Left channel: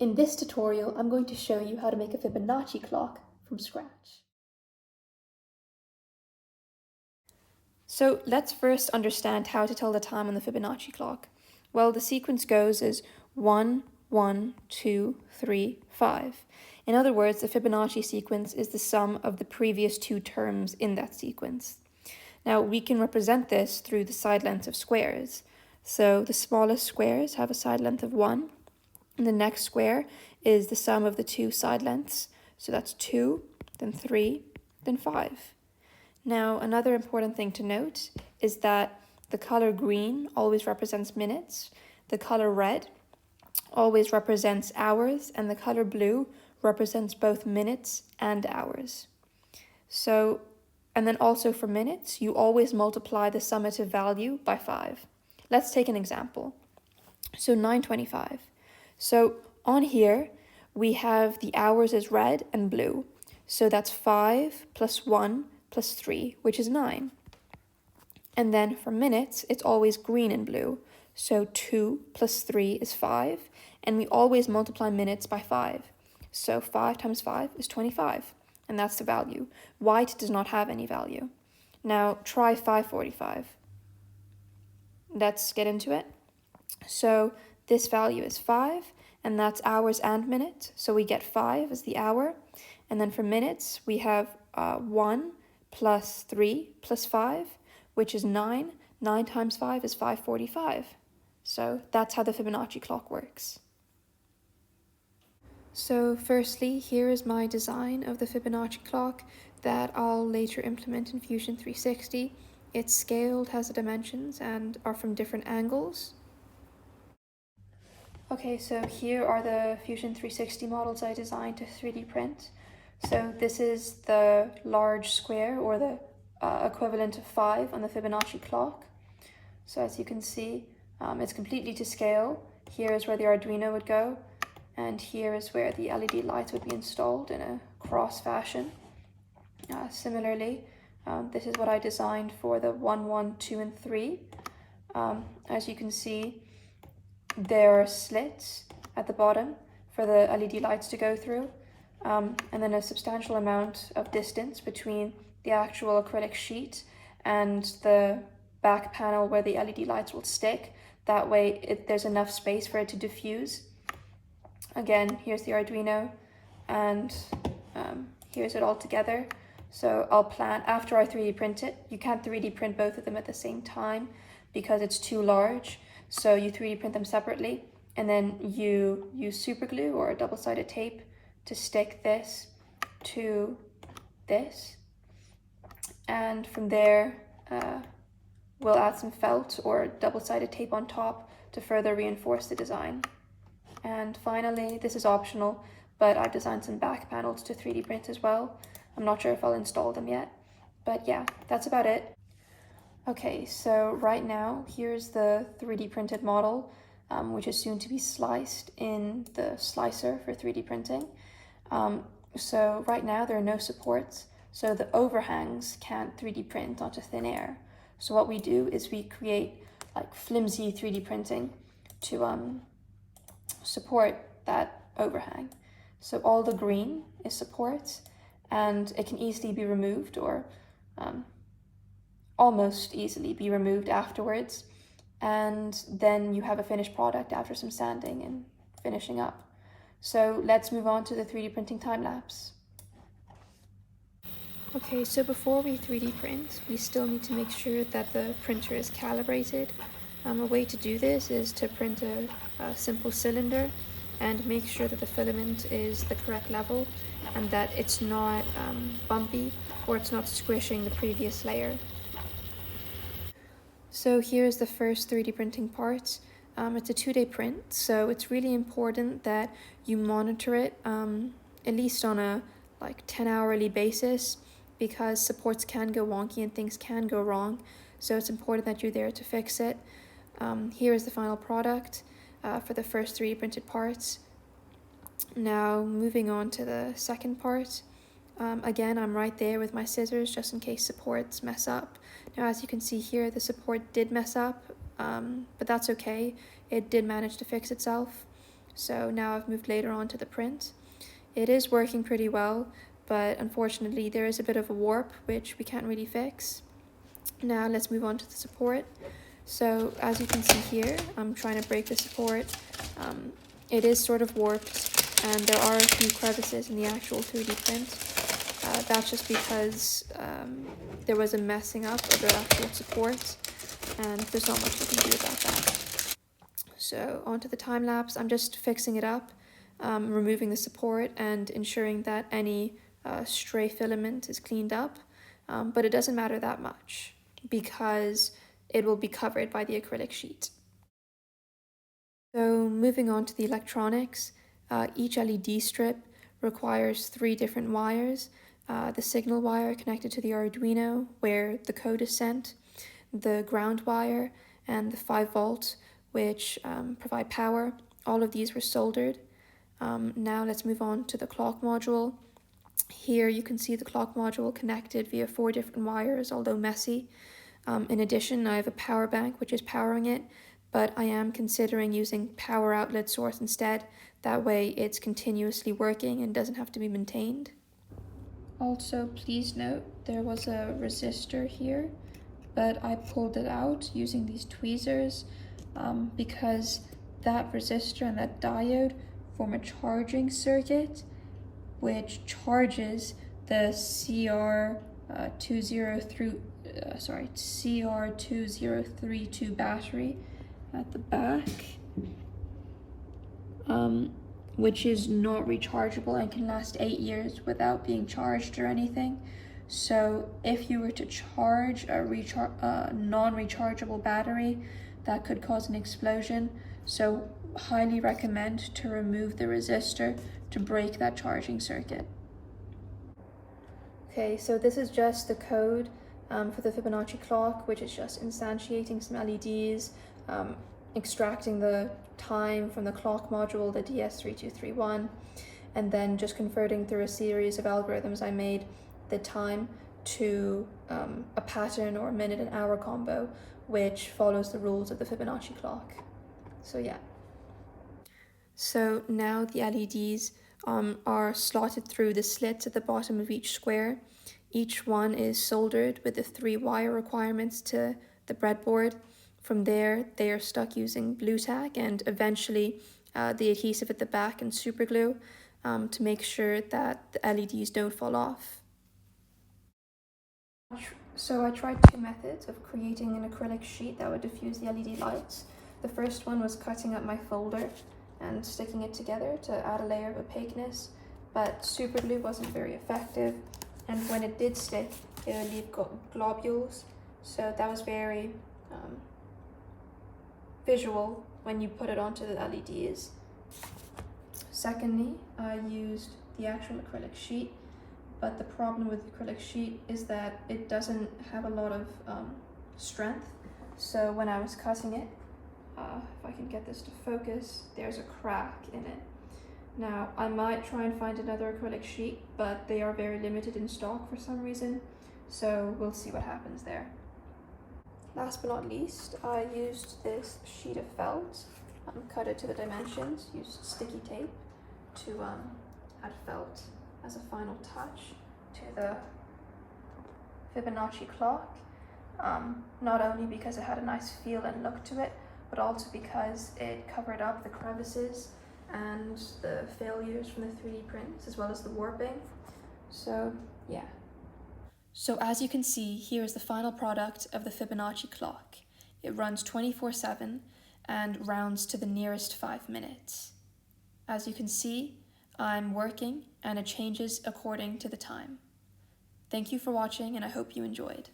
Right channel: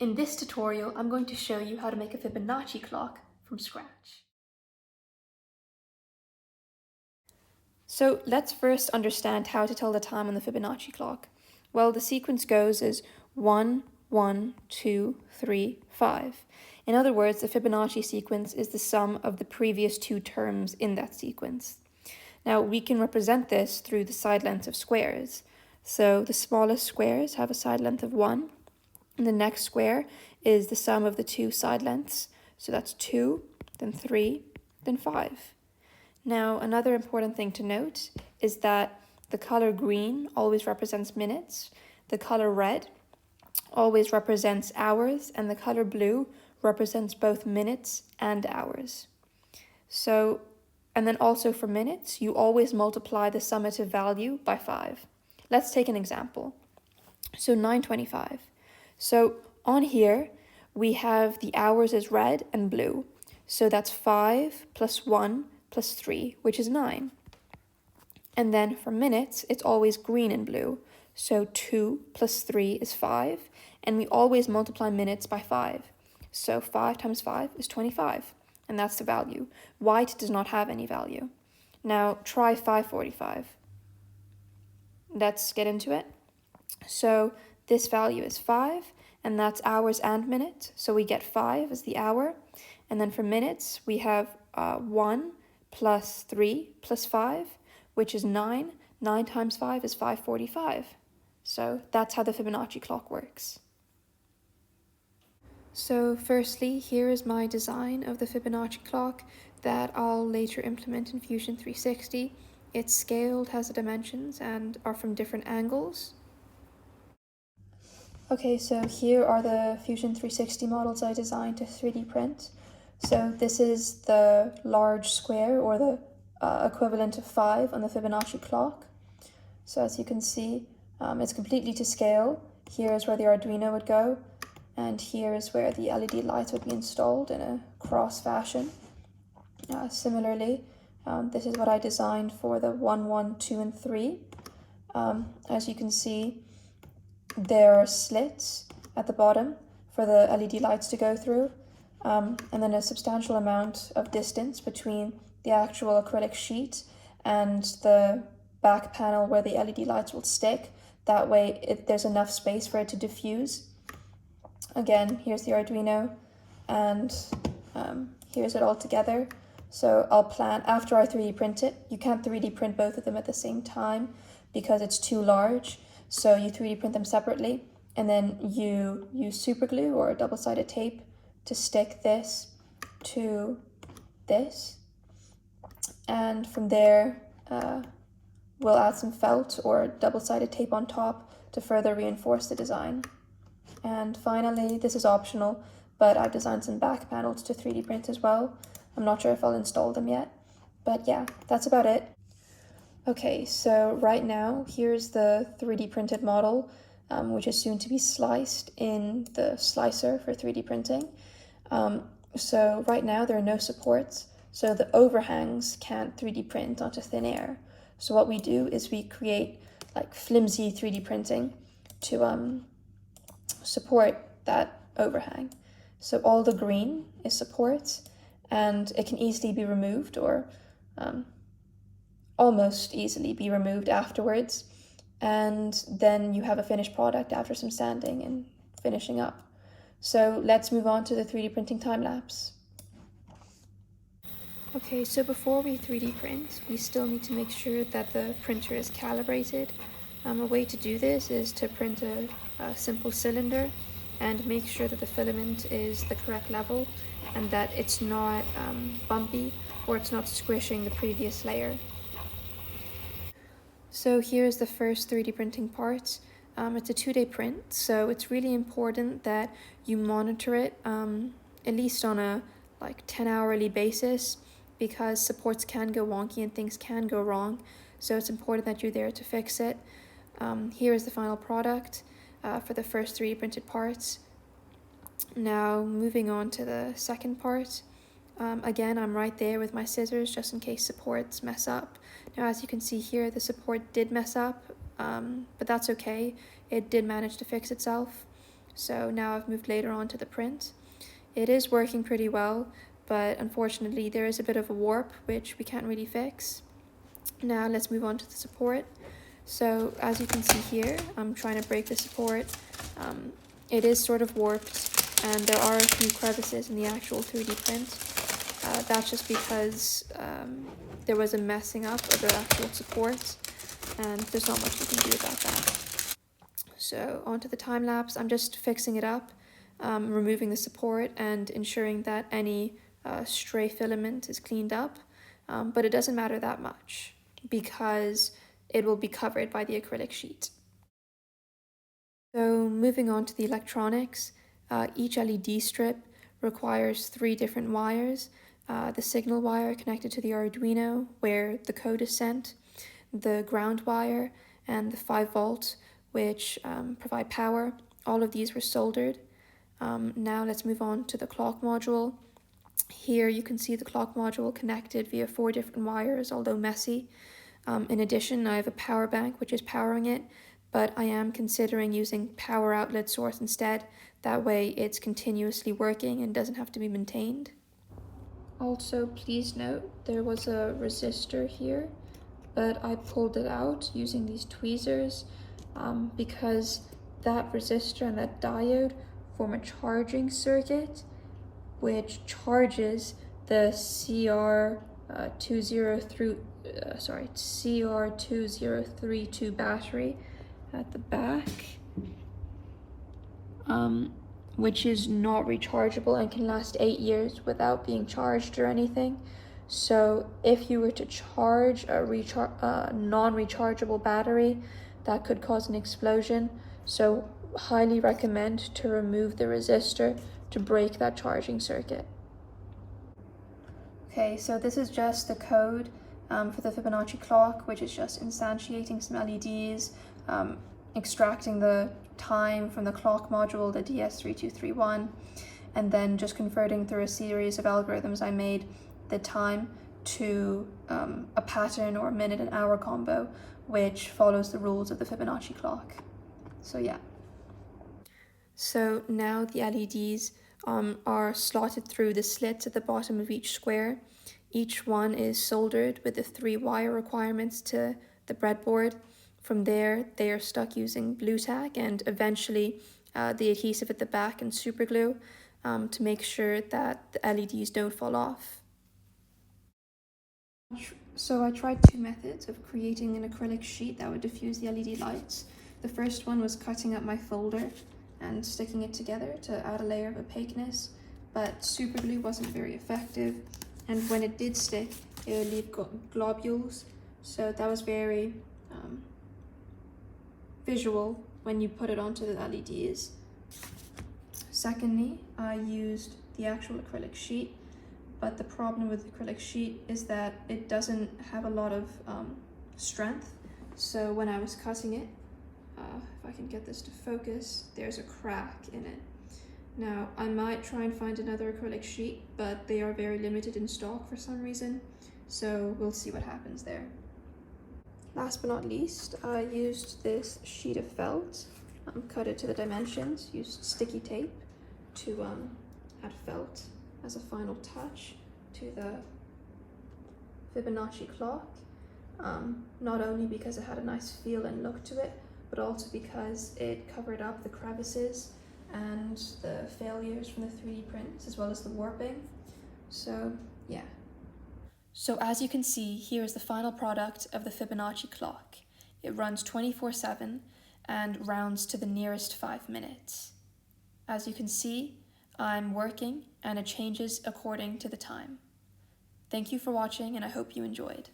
In this tutorial, I'm going to show you how to make a Fibonacci clock from scratch. So let's first understand how to tell the time on the Fibonacci clock. Well, the sequence goes as 1, 1, 2, 3, 5. In other words, the Fibonacci sequence is the sum of the previous two terms in that sequence. Now, we can represent this through the side lengths of squares. So the smallest squares have a side length of 1, and the next square is the sum of the two side lengths. So that's 2, then 3, then 5. Now, another important thing to note is that the color green always represents minutes, the color red always represents hours, and the color blue represents both minutes and hours. So, and then also for minutes, you always multiply the summative value by 5. Let's take an example. So 9:25. So on here, we have the hours as red and blue. So that's 5 plus 1 plus 3, which is 9. And then for minutes, it's always green and blue. So 2 plus 3 is 5, and we always multiply minutes by 5. So 5 times 5 is 25, and that's the value. White does not have any value. Now try 5:45. Let's get into it. So this value is 5, and that's hours and minutes. So we get 5 as the hour. And then for minutes, we have 1 plus 3 plus 5, which is 9. 9 times 5 is 5:45. So that's how the Fibonacci clock works. So firstly, here is my design of the Fibonacci clock that I'll later implement in Fusion 360. It's scaled, has the dimensions, and are from different angles. Okay, so here are the Fusion 360 models I designed to 3D print. So this is the large square, or the equivalent of 5 on the Fibonacci clock. So as you can see, it's completely to scale. Here is where the Arduino would go, and here is where the LED lights would be installed in a cross fashion. Similarly, this is what I designed for the 1, 1, 2, and 3. As you can see, there are slits at the bottom for the LED lights to go through, and then a substantial amount of distance between the actual acrylic sheet and the back panel where the LED lights will stick. That way there's enough space for it to diffuse. Again, here's the Arduino, and here's it all together. So I'll plan, after I 3D print it, you can't 3D print both of them at the same time because it's too large. So you 3D print them separately, and then you use super glue or double-sided tape to stick this to this. And from there, we'll add some felt or double-sided tape on top to further reinforce the design. And finally, this is optional, but I've designed some back panels to 3D print as well. I'm not sure if I'll install them yet, but yeah, that's about it. Okay, so right now, here's the 3D printed model, which is soon to be sliced in the slicer for 3D printing. So right now, there are no supports, so the overhangs can't 3D print onto thin air. So what we do is we create like flimsy 3D printing to support that overhang. So all the green is supports, and it can easily be removed, or almost easily be removed afterwards, and then you have a finished product after some sanding and finishing up. So let's move on to the 3D printing time lapse. Okay, so before we 3D print, we still need to make sure that the printer is calibrated. A way to do this is to print a simple cylinder and make sure that the filament is the correct level and that it's not bumpy or it's not squishing the previous layer. So here's the first 3D printing part. It's a 2-day print, so it's really important that you monitor it at least on a 10-hourly basis, because supports can go wonky and things can go wrong. So it's important that you're there to fix it. Here is the final product for the first 3D printed parts. Now moving on to the second part. Again, I'm right there with my scissors just in case supports mess up. Now, as you can see here, the support did mess up, but that's okay. It did manage to fix itself. So now I've moved later on to the print. It is working pretty well, but unfortunately there is a bit of a warp, which we can't really fix. Now let's move on to the support. So as you can see here, I'm trying to break the support. It is sort of warped, and there are a few crevices in the actual 3D print. That's just because there was a messing up of the actual support, and there's not much you can do about that. So onto the time lapse, I'm just fixing it up, removing the support and ensuring that any stray filament is cleaned up, but it doesn't matter that much because it will be covered by the acrylic sheet. So moving on to the electronics, each LED strip requires 3 different wires. The signal wire connected to the Arduino where the code is sent, the ground wire, and the 5-volt, which provide power. All of these were soldered. Now let's move on to the clock module. Here you can see the clock module connected via 4 different wires, although messy. In addition, I have a power bank which is powering it, but I am considering using power outlet source instead. That way it's continuously working and doesn't have to be maintained. Also, please note there was a resistor here, but I pulled it out using these tweezers because that resistor and that diode form a charging circuit which charges the CR2032 battery at the back, which is not rechargeable and can last 8 years without being charged or anything. So if you were to charge a non-rechargeable battery, that could cause an explosion. So highly recommend to remove the resistor to break that charging circuit. Okay, so this is just the code for the Fibonacci clock, which is just instantiating some LEDs, extracting the time from the clock module, the DS3231, and then just converting through a series of algorithms I made the time to a pattern or a minute and hour combo, which follows the rules of the Fibonacci clock. So yeah. So now the LEDs are slotted through the slits at the bottom of each square. Each one is soldered with the 3 wire requirements to the breadboard. From there, they are stuck using blue tack and eventually the adhesive at the back and super glue to make sure that the LEDs don't fall off. So I tried 2 methods of creating an acrylic sheet that would diffuse the LED lights. The first one was cutting up my folder and sticking it together to add a layer of opaqueness, but super glue wasn't very effective, and when it did stick, it would leave globules, so that was very visual when you put it onto the LEDs. Secondly, I used the actual acrylic sheet, but the problem with the acrylic sheet is that it doesn't have a lot of strength, so when I was cutting it, if I can get this to focus, there's a crack in it. Now, I might try and find another acrylic sheet, but they are very limited in stock for some reason, so we'll see what happens there. Last but not least, I used this sheet of felt, cut it to the dimensions, used sticky tape to add felt as a final touch to the Fibonacci clock, not only because it had a nice feel and look to it, but also because it covered up the crevices and the failures from the 3D prints, as well as the warping. So yeah. So as you can see, here is the final product of the Fibonacci clock. It runs 24/7 and rounds to the nearest 5 minutes. As you can see, I'm working and it changes according to the time. Thank you for watching, and I hope you enjoyed.